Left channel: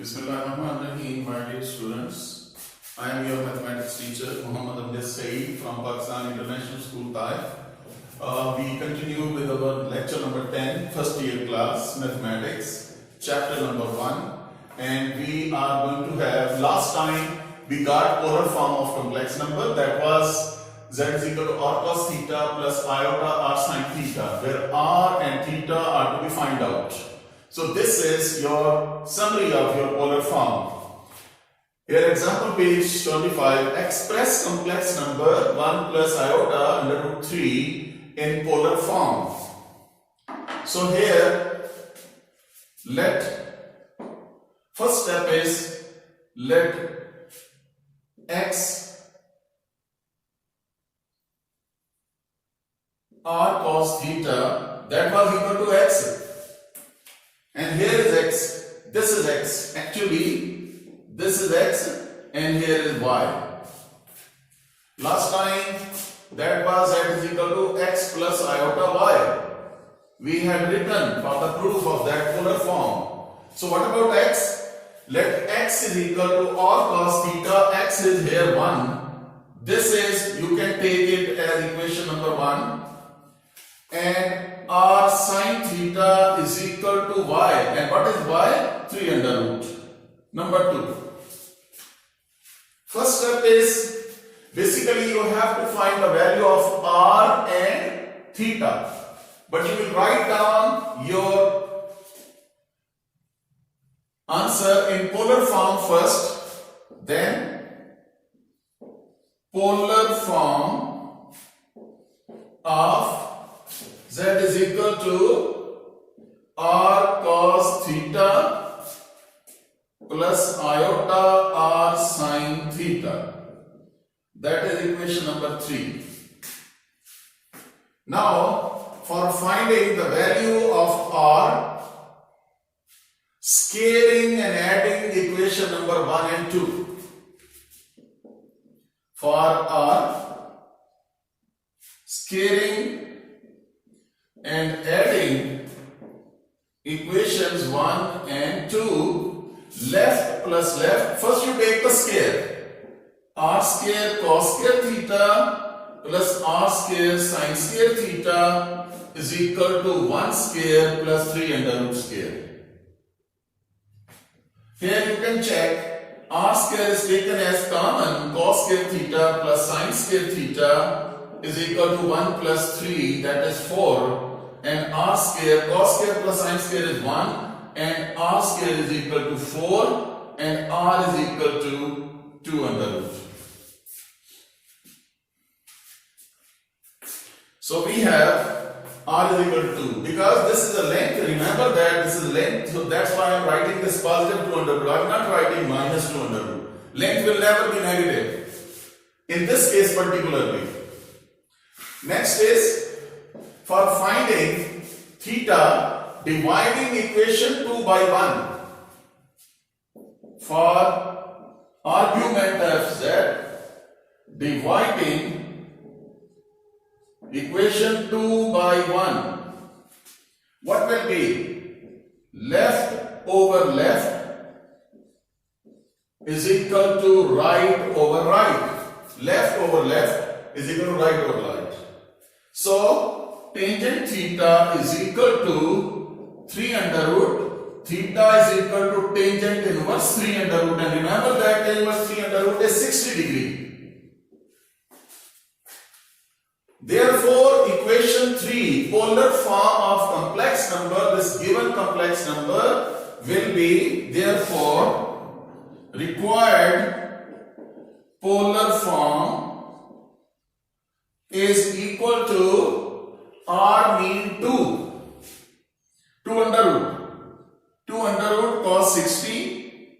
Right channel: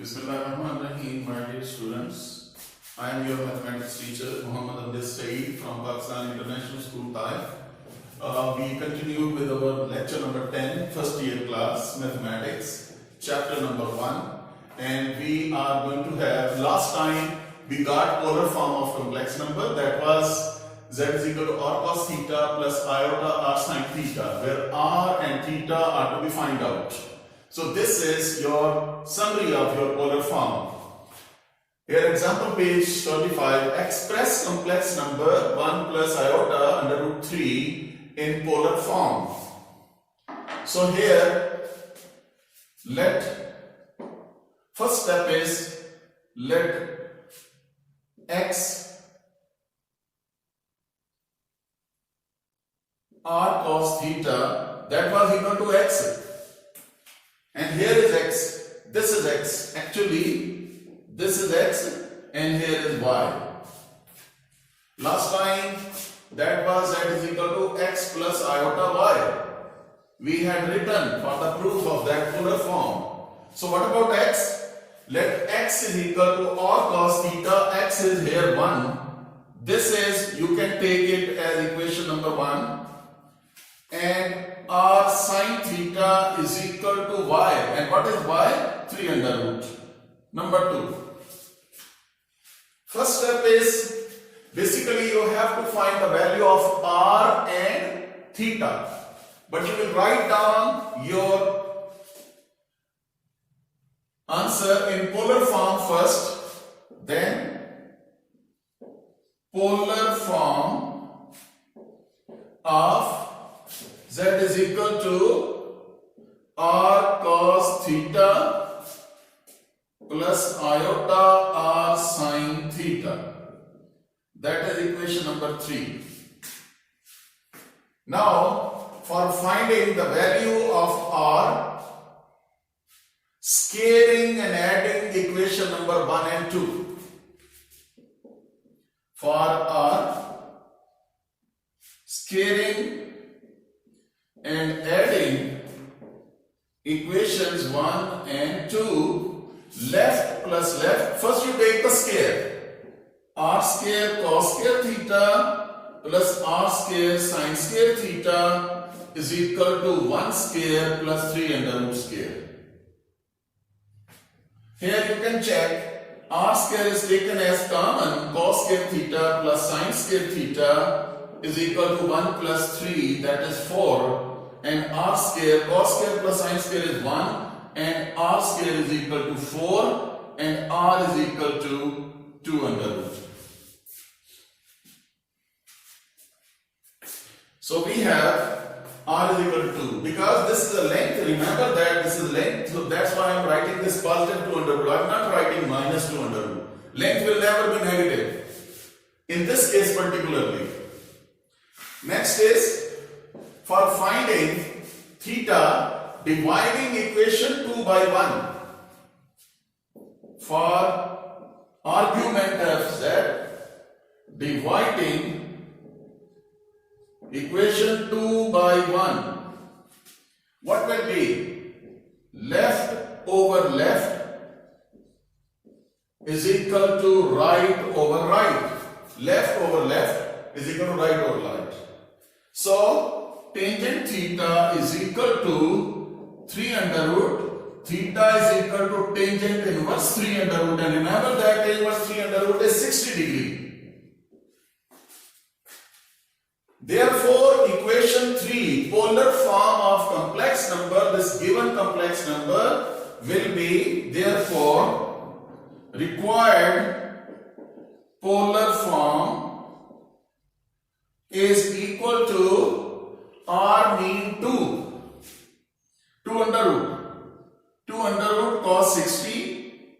Bismillahirrahmanirrahim, my dear students. I am your mathematics teacher, Muhammad Amjad Saeed from Pakistan International School, Taif. We continue with our lecture number 10, first year class, mathematics, chapter number 1. And we are going to have, last time we got polar form of complex number, that was z is equal to r cos theta plus iota r sin theta, where r and theta are to be found out. So this is your summary of your polar form. Here example page 25, express complex number 1 plus iota under root 3 in polar form. So here, first step is let x r cos theta, that was equal to x. And here is x, this is x. Actually, this is x and here is y. Last time that was z is equal to x plus iota y. We had written for the proof of that polar form. So what about x? Let x is equal to r cos theta, x is here 1. This is, you can take it as equation number 1. And r sin theta is equal to y. And what is y? 3 under root. Number 2. First step is, basically you have to find the value of r and theta. But you will write down your answer in polar form first, then polar form of z is equal to r cos theta plus iota r sin theta. That is equation number 3. Now, for finding the value of r, scaling and adding equation number 1 and 2. For r, scaling and adding equations 1 and 2, left plus left. First you take the scale. R square cos square theta plus r square sin square theta is equal to 1 square plus 3 under root square. Here you can check. R square is taken as common. Cos square theta plus sin square theta is equal to 1 plus 3, that is 4. And r square, cos square plus sin square is 1, and r square is equal to 4, and r is equal to 2 under root. So we have r is equal to 2. Because this is a length, remember that this is length, so that's why I am writing this positive 2 under root. I am not writing minus 2 under root. Length will never be negative, in this case particularly. Next is, for finding theta, dividing equation 2 by 1. For argument fz, dividing equation 2 by 1. What will be? Left over left is equal to right over right. Left over left is equal to right over right. So, tangent theta is equal to 3 under root. Theta is equal to tangent inverse 3 under root. And remember that inverse 3 under root is 60 degree. Therefore, equation 3, polar form of complex number, this given complex number will be, therefore, required polar form is equal to r mean 2. 2 under root. 2 under root cos 60,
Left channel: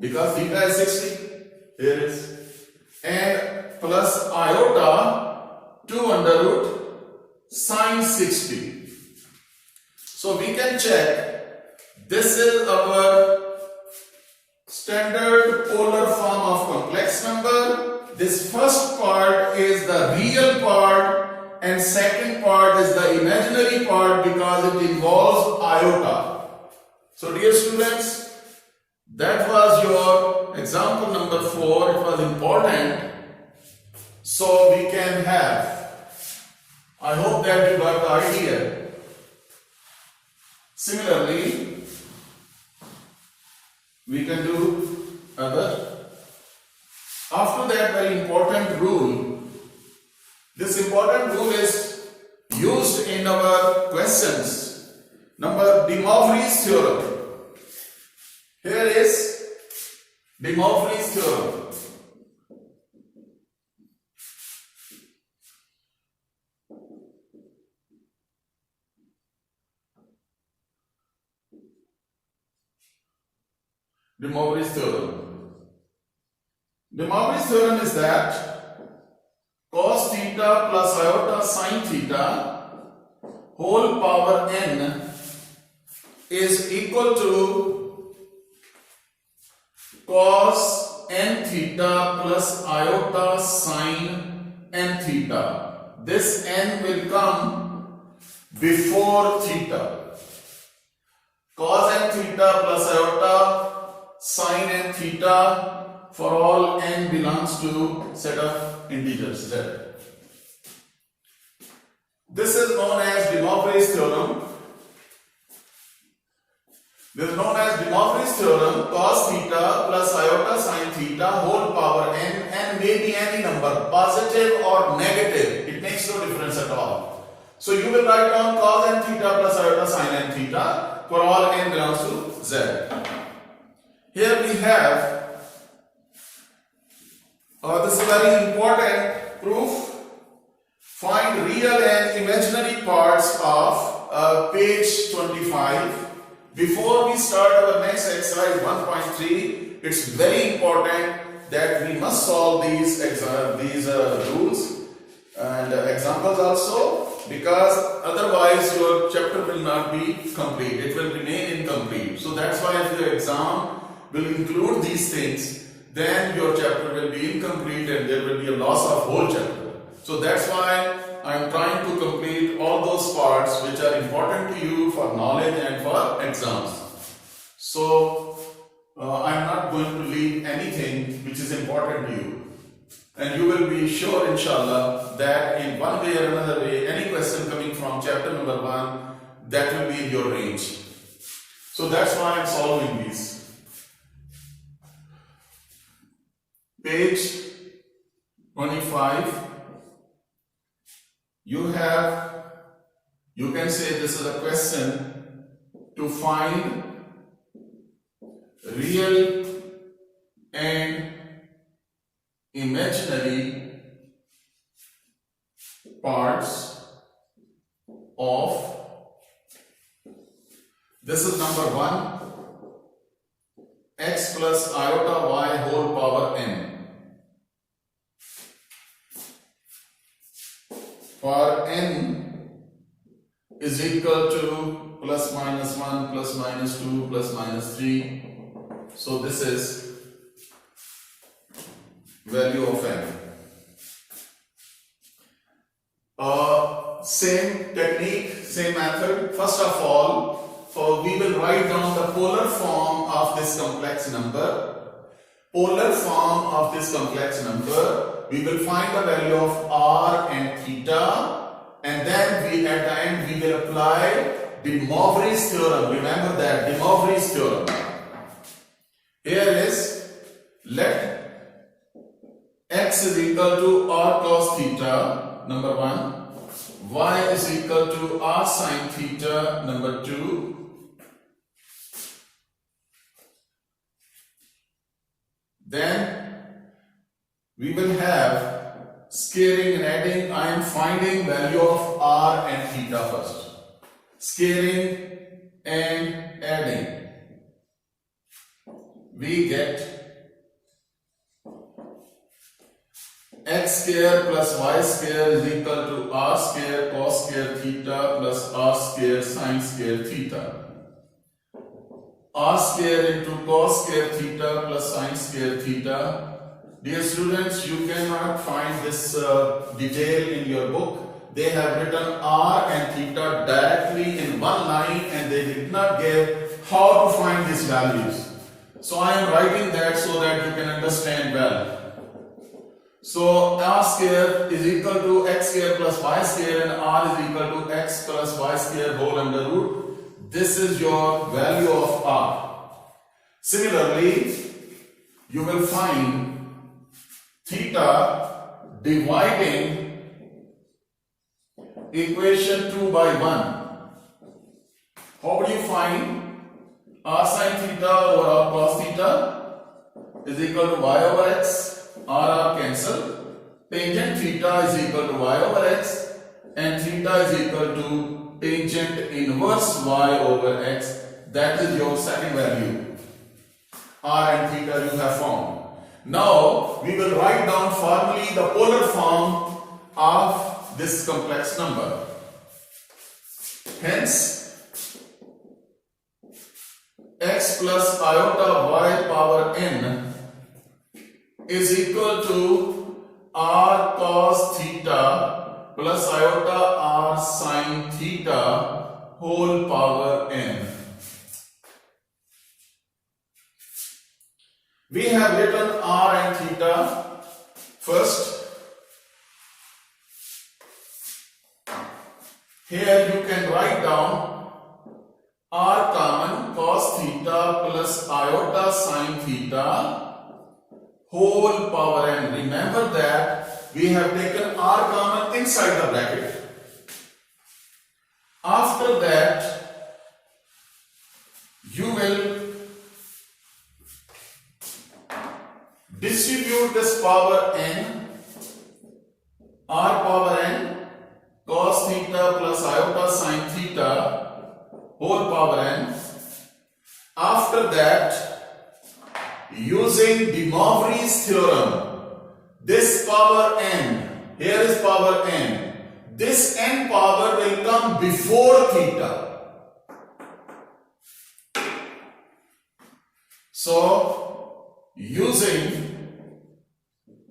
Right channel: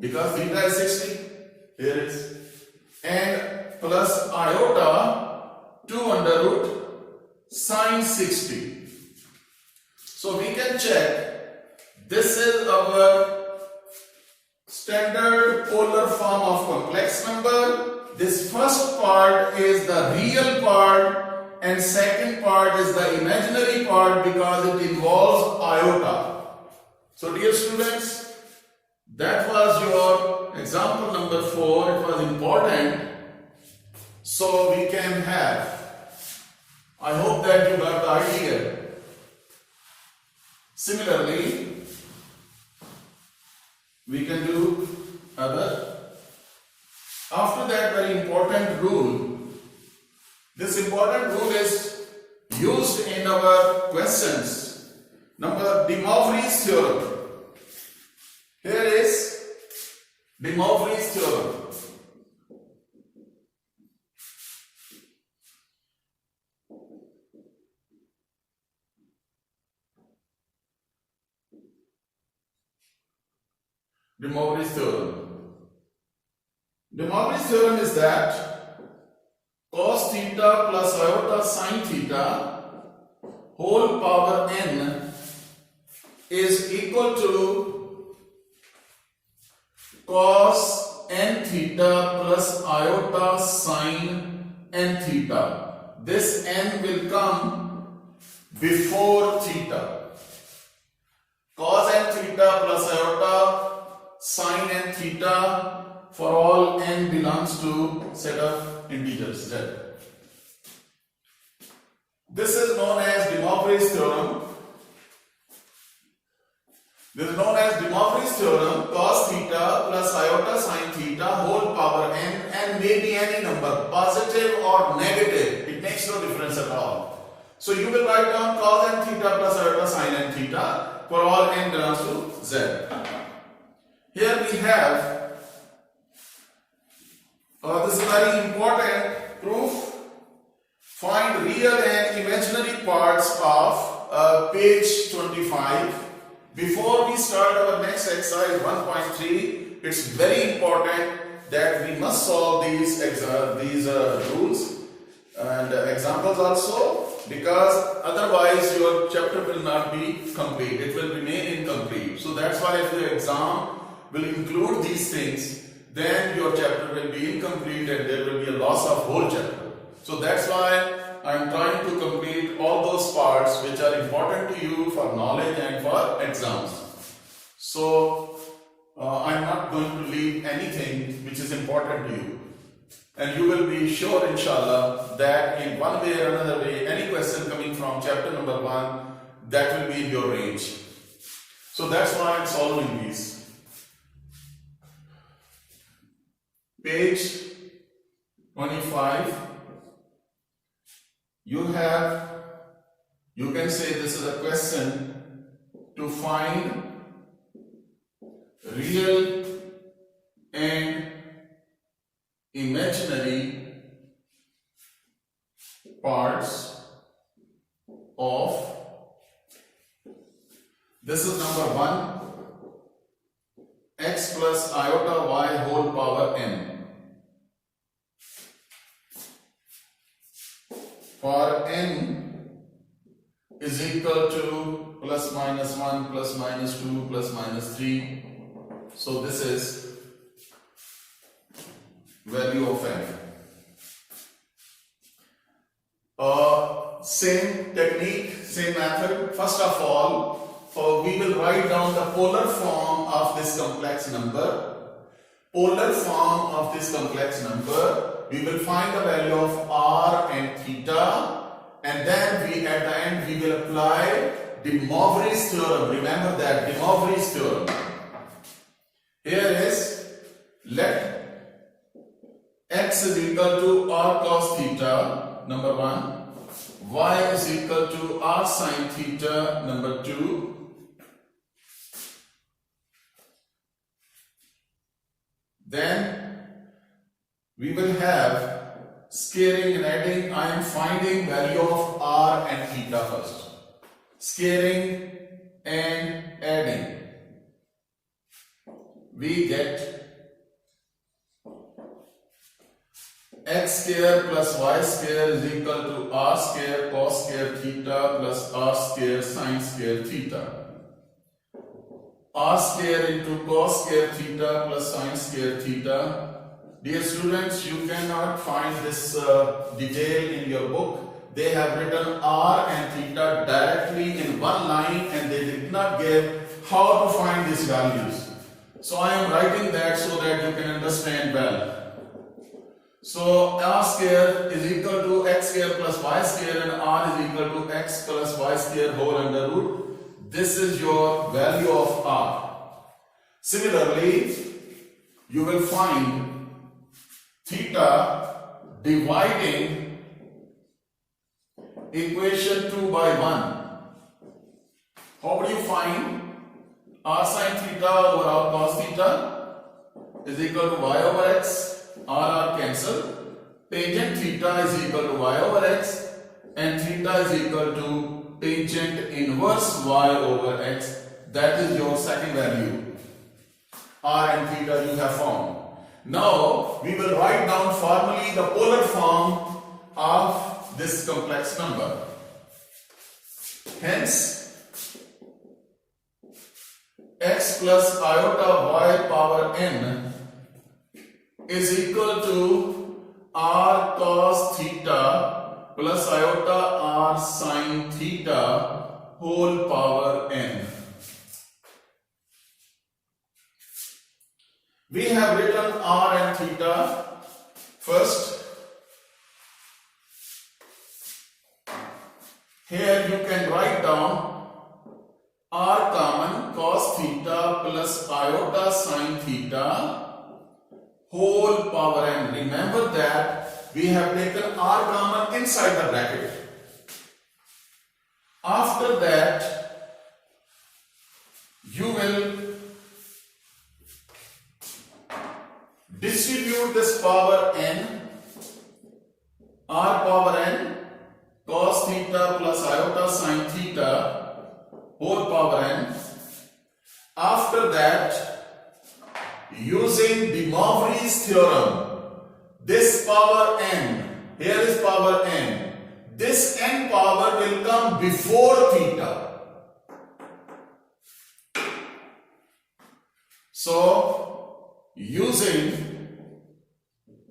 because theta is 60. Here it is. And plus iota 2 under root sin 60. So we can check. This is our standard polar form of complex number. This first part is the real part, and second part is the imaginary part because it involves iota. So dear students, That was your example number 4. It was important, so we can have. I hope that you got the idea. Similarly, we can do other. After that, very important rule. This important rule is used in our questions. Number De Moivre's theorem. Here is De Moivre's theorem. De Moivre's theorem. De Moivre's theorem is that cos theta plus iota sin theta whole power n is equal to cos n theta plus iota sin n theta. This n will come before theta. Cos n theta plus iota sin n theta for all n belongs to set of integers z. This is known as De Moivre's theorem. This is known as De Moivre's theorem. Cos theta plus iota sin theta whole power n may be any number, positive or negative. It makes no difference at all. So you will write down cos n theta plus iota sin n theta for all n belongs to z. Here we have, this is very important proof. Find real and imaginary parts of page 25. Before we start our next exercise 1.3, it's very important that we must solve these rules and examples also, because otherwise your chapter will not be complete. It will remain incomplete. So that's why if the exam will include these things, then your chapter will be incomplete and there will be a loss of whole chapter. So that's why I am trying to complete all those parts which are important to you for knowledge and for exams. So I am not going to leave anything which is important to you. And you will be sure, inshallah, that in one way or another way, any question coming from chapter number 1, that will be in your range. So that's why I am solving these. Page 25, you can say this is a question to find real and imaginary parts of, this is number 1, x plus iota y whole power n. For n is equal to plus minus 1, plus minus 2, plus minus 3. So this is value of n. Same technique, same method. First of all, we will write down the polar form of this complex number. Polar form of this complex number. We will find the value of r and theta, and then at the end we will apply De Moivre's theorem. Remember that, De Moivre's theorem. Here is, let x is equal to r cos theta, number 1, y is equal to r sin theta, number 2, then we will have scaling and adding. I am finding value of r and theta first. Scaling and adding. We get x square plus y square is equal to r square cos square theta plus r square sin square theta. R square into cos square theta plus sin square theta. Dear students, you cannot find this detail in your book. They have written r and theta directly in one line and they did not give how to find these values. So I am writing that so that you can understand well. So r square is equal to x square plus y square, and r is equal to x plus y square whole under root. This is your value of r. Similarly, you will find theta dividing equation 2 by 1. How would you find r sin theta over r cos theta is equal to y over x? R cancel. Tangent theta is equal to y over x, and theta is equal to tangent inverse y over x. That is your second value. R and theta you have found. Now we will write down formally the polar form of this complex number. Hence, x plus iota y power n is equal to r cos theta plus iota r sin theta whole power n. We have written r and theta first. Here you can write down r common cos theta plus iota sin theta whole power n. Remember that we have taken r common inside the bracket. After that, you will distribute this power n, r power n, cos theta plus iota sin theta whole power n. After that, using De Moivre's theorem, this power n, here is power n, this n power will come before theta. So, using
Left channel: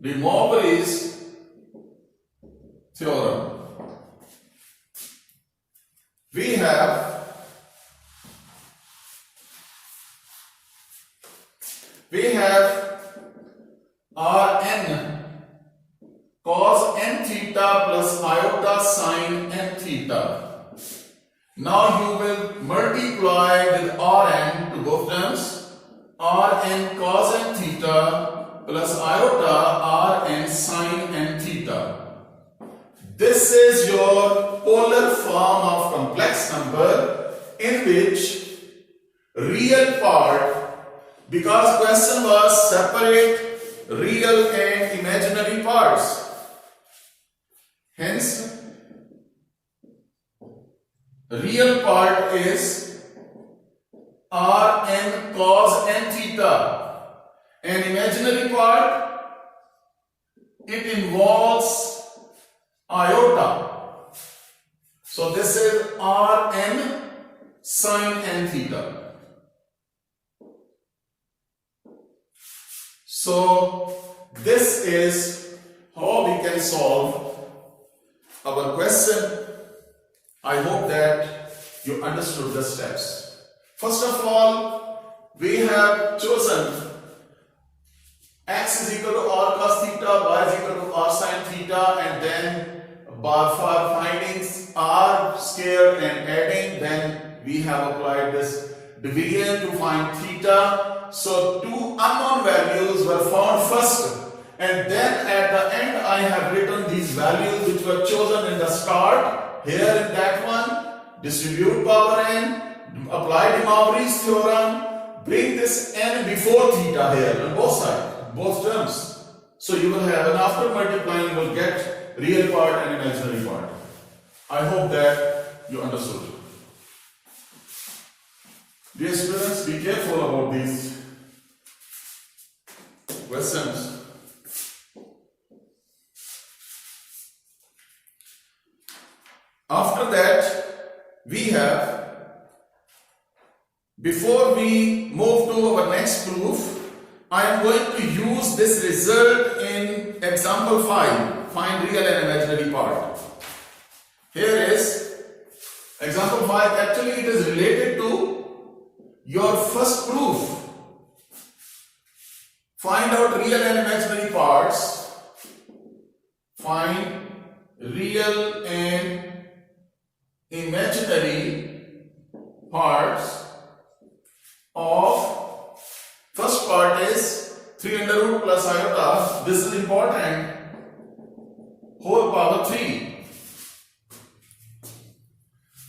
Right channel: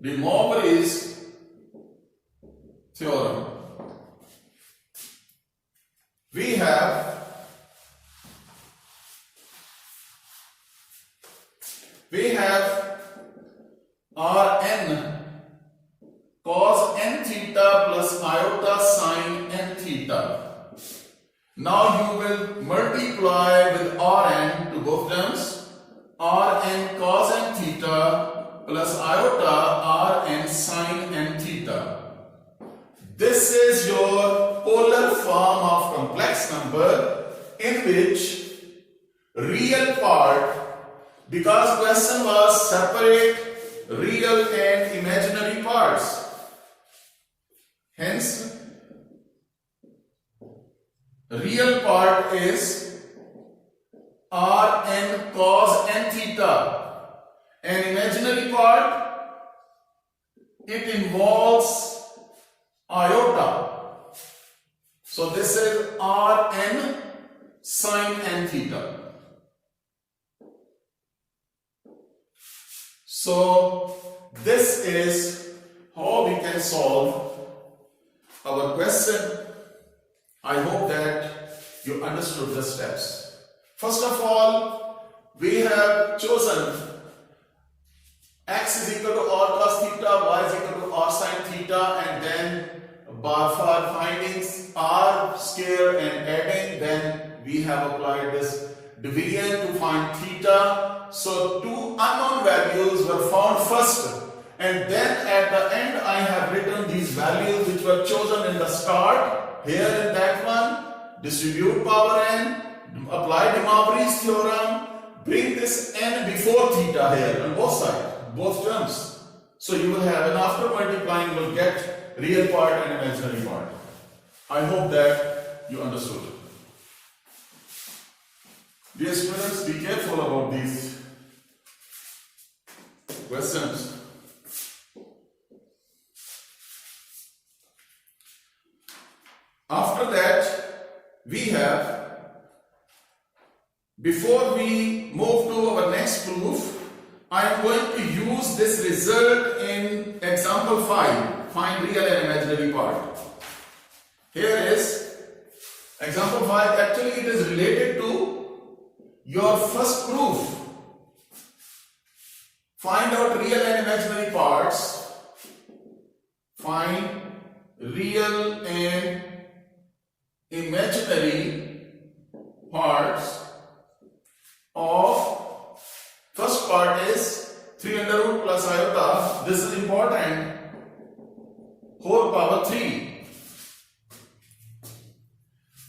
De Moivre's theorem, we have Rn cos n theta plus iota sin n theta. Now you will multiply with Rn to both terms. Rn cos n theta plus iota Rn sin n theta. This is your polar form of complex number in which real part, because question was separate real and imaginary parts. Hence, real part is Rn cos n theta, and imaginary part, it involves iota. So this is Rn sin n theta. So this is how we can solve our question. I hope that you understood the steps. First of all, we have chosen x is equal to r cos theta, y is equal to r sin theta, and then for finding r square and adding, then we have applied this division to find theta. So two unknown values were found first, and then at the end I have written these values which were chosen in the start. Here in that one, distribute power n, apply De Moivre's theorem, bring this n before theta here on both sides, both terms. So you will have, and after multiplying you will get real part and imaginary part. I hope that you understood. Dear students, be careful about these questions. After that, we have, before we move to our next proof, I am going to use this result in example 5, find real and imaginary part. Here is example 5, actually it is related to your first proof. out real and imaginary parts, find real and imaginary parts of, first part is 3 under root plus iota, this is important, whole power 3.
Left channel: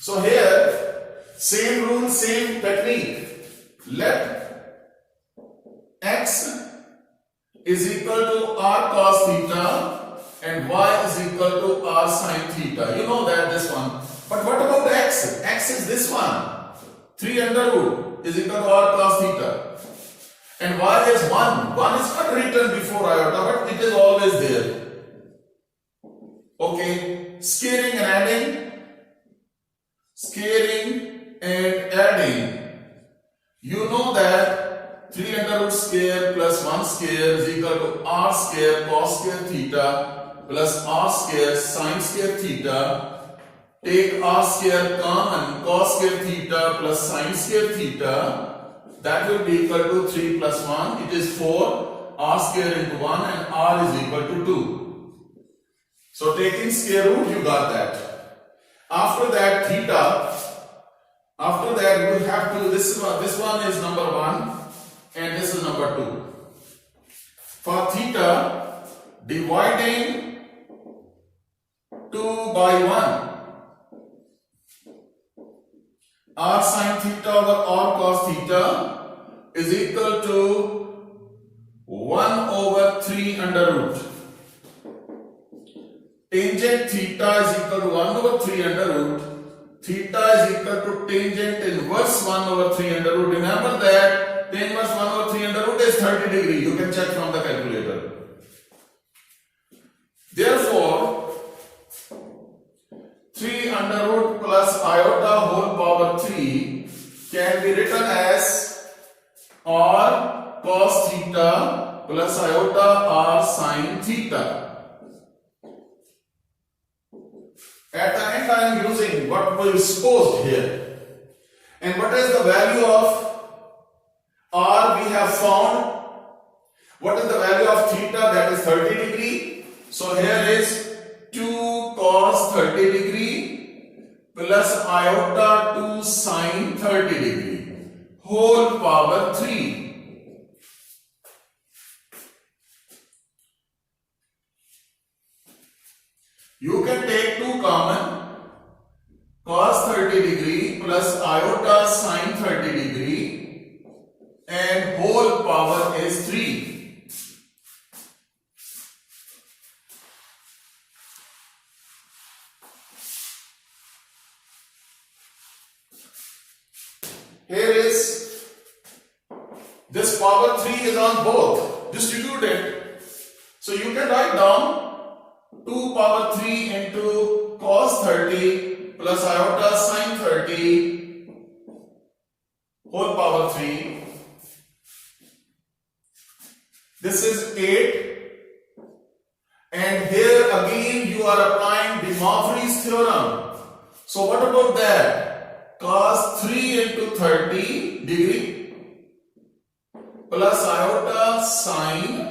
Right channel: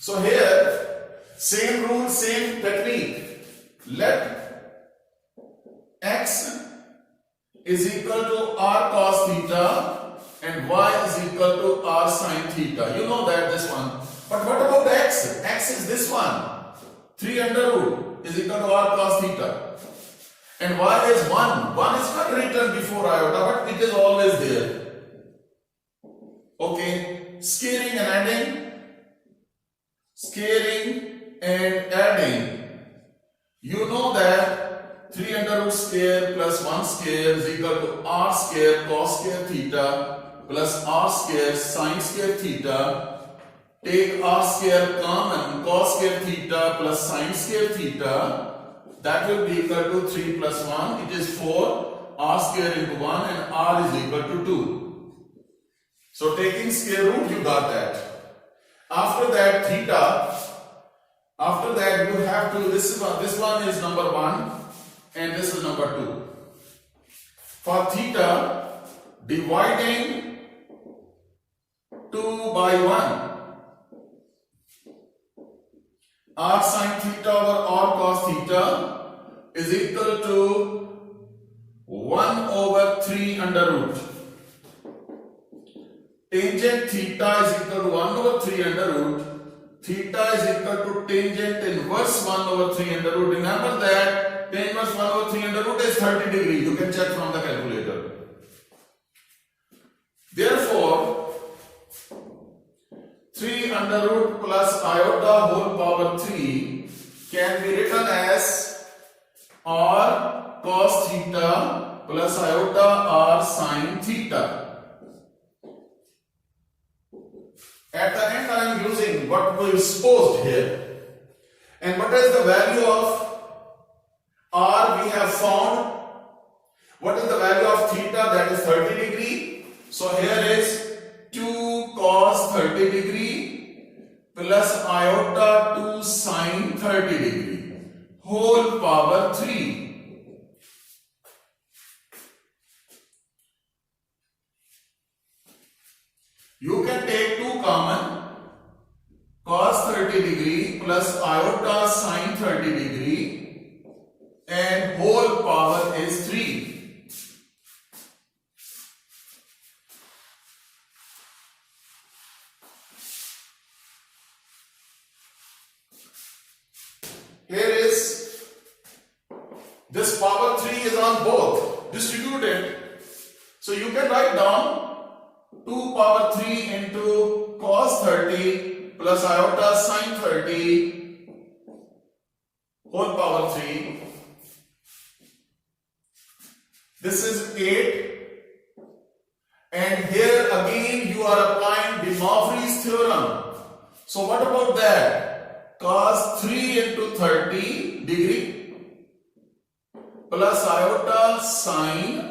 So here, same rule, same technique. Let x is equal to r cos theta and y is equal to r sin theta. You know that, this one. But what about x? X is this one. 3 under root is equal to r cos theta. And y is 1. 1 is not written before iota, but it is always there. Okay. Scaling and adding. Scaling and adding. You know that 3 under root square plus 1 square is equal to r square cos square theta plus r square sin square theta. Take r square common, cos square theta plus sin square theta. That will be equal to 3 plus 1. It is 4. R square into 1 and r is equal to 2. So taking square root, you got that. After that, theta. After that, you have to, this one is number 1 and this is number 2. For theta, dividing 2 by 1. R sin theta over r cos theta is equal to 1 over 3 under root. Tangent theta is equal to 1 over 3 under root. Theta is equal to tangent inverse 1 over 3 under root. Remember that tan inverse 1 over 3 under root is 30 degree. You can check from the calculator. Therefore, 3 under root plus iota whole power 3 can be written as r cos theta plus iota r sin theta. At the end, I am using what we supposed here. And what is the value of r we have found? What is the value of theta? That is 30 degree. So here is 2 cos 30 degree plus iota 2 sin 30 degree whole power 3. You can take 2 common, cos 30 degree plus iota sin 30 degree and whole power is 3. Here is, this power 3 is on both, distributed. So you can write down 2 power 3 into cos 30 plus iota sin 30 whole power 3. This is 8. And here again you are applying De Moivre's theorem. So what about that? Cos 3 into 30 degree plus iota sin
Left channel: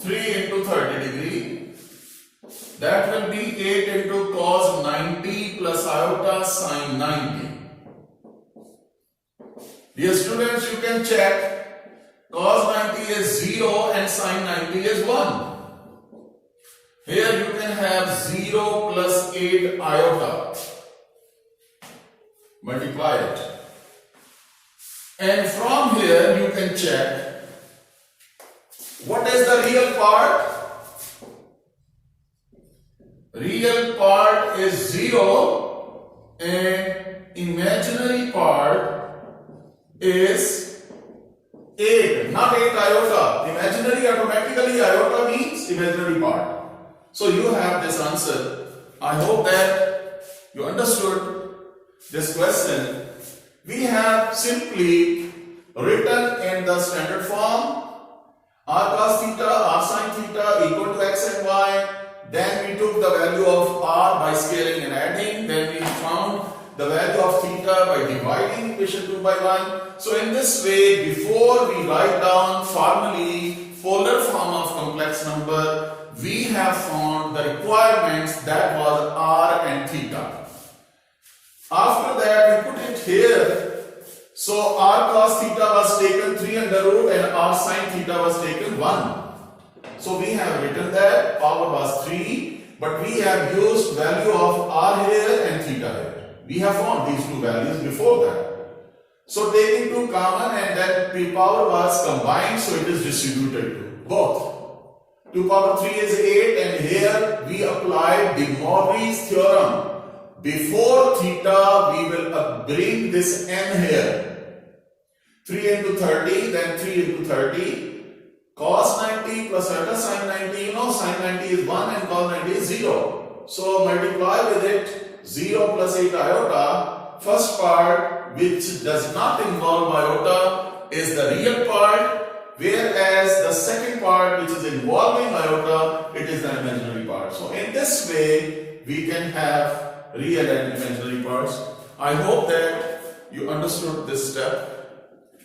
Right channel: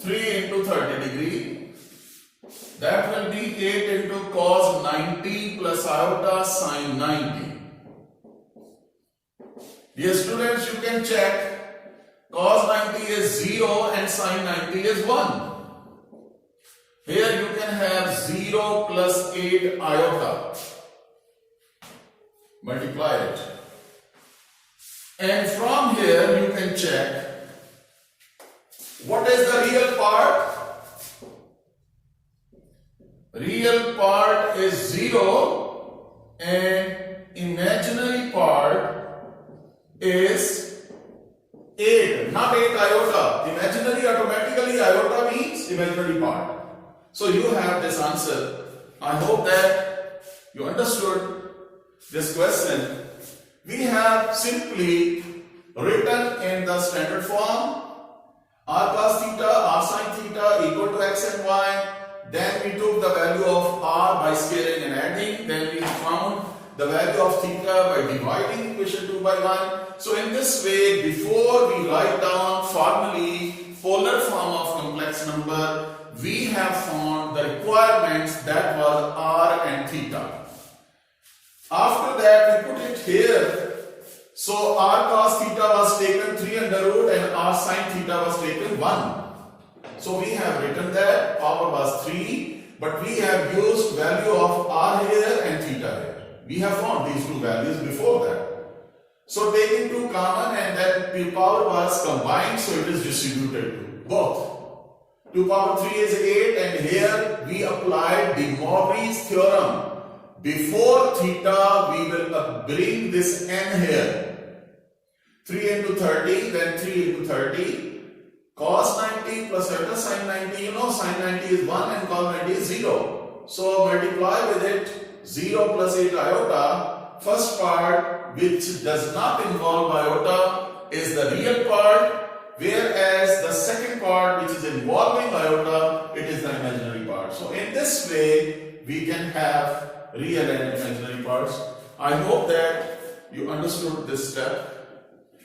3 into 30 degree. That will be 8 into cos 90 plus iota sin 90. Dear students, you can check. Cos 90 is 0 and sin 90 is 1. Here you can have 0 plus 8 iota. Multiply it. And from here you can check what is the real part. Real part is 0 and imaginary part is 8, not 8 iota. Imaginary, automatically iota means imaginary part. So you have this answer. I hope that you understood this question. We have simply written in the standard form r cos theta, r sin theta equal to x and y. Then we took the value of r by scaling and adding. Then we found the value of theta by dividing equation 2 by 1. So in this way, before we write down formally polar form of complex number, we have found the requirements that was r and theta. After that, we put it here. So r cos theta was taken 3 under root and r sin theta was taken 1. So we have written that power was 3, but we have used value of r here and theta here. We have found these two values before that. So taking two common and that power was combined, so it is distributed to both. 2 power 3 is 8, and here we applied De Moivre's theorem. Before theta, we will bring this n here. 3 into 30, then 3 into 30. Cos 90 plus iota sin 90, you know sin 90 is 1 and cos 90 is 0. So multiply with it 0 plus 8 iota. First part, which does not involve iota, is the real part, whereas the second part, which is involving iota, it is the imaginary part. So in this way, we can have real and imaginary parts. I hope that you understood this step,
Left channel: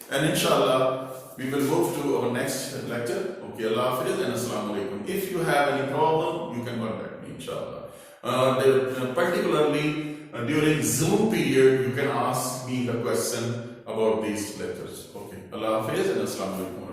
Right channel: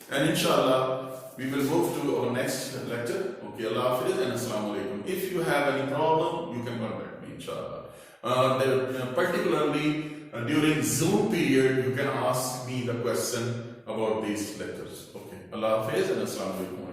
and inshallah we will move to our next lecture. Okay, Allah Hafiz and Assalamu Alaikum. If you have any problem, you can contact me, inshallah. Particularly during Zoom period, you can ask me the question about these lectures. Okay, Allah Hafiz and Assalamu Alaikum.